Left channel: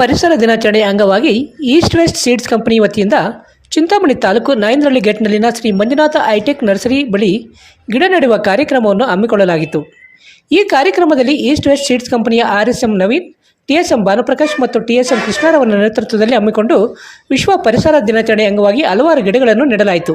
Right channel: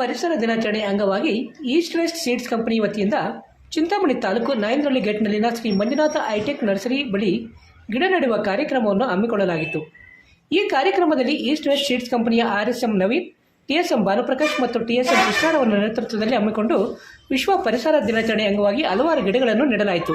ಪರಿಸರ ದಿನಾಚರಣೆ ಅಂಗವಾಗಿ ಈಸ್ಟ್ ವೆಸ್ಟ್ ಸೀಡ್ಸ್ ಕಂಪನಿ ವತಿಯಿಂದ ಚಿಂತಾಮಣಿ ತಾಲೂಕು ನಾಯಂದ್ರಳ್ಳಿ ಗೇಟ್ನಲ್ಲಿನ ಶ್ರೀ ಮಂಜುನಾಥ ಹೈಟೆಕ್ ನರ್ಸರಿ ಬಳಿ ಗಿಡ ನೆಡುವ ಕಾರ್ಯಕ್ರಮವನ್ನು ಹಮ್ಮಿಕೊಳ್ಳಲಾಗಿತ್ತು. ಈ ಕಾರ್ಯಕ್ರಮದಲ್ಲಿ ಈಸ್ಟ್ ವೆಸ್ಟ್ ಸೀಡ್ಸ್ ಕಂಪನಿಯ R S M Naveen, T S Bhanuprakash ಮತ್ತು ಟಿ ಎಸ್ ಎಂ ಕೃಷ್ಣರವರ ನೇತೃತ್ವದಲ್ಲಿ ಹಮ್ಮಿಕೊಂಡು ವಿಶ್ವ ಪರಿಸರ ದಿನಾಚರಣೆ ಅಂಗವಾಗಿ ಹಲವಾರು ಗಿಡಗಳನ್ನು ನೆಡಲಾಯಿತು.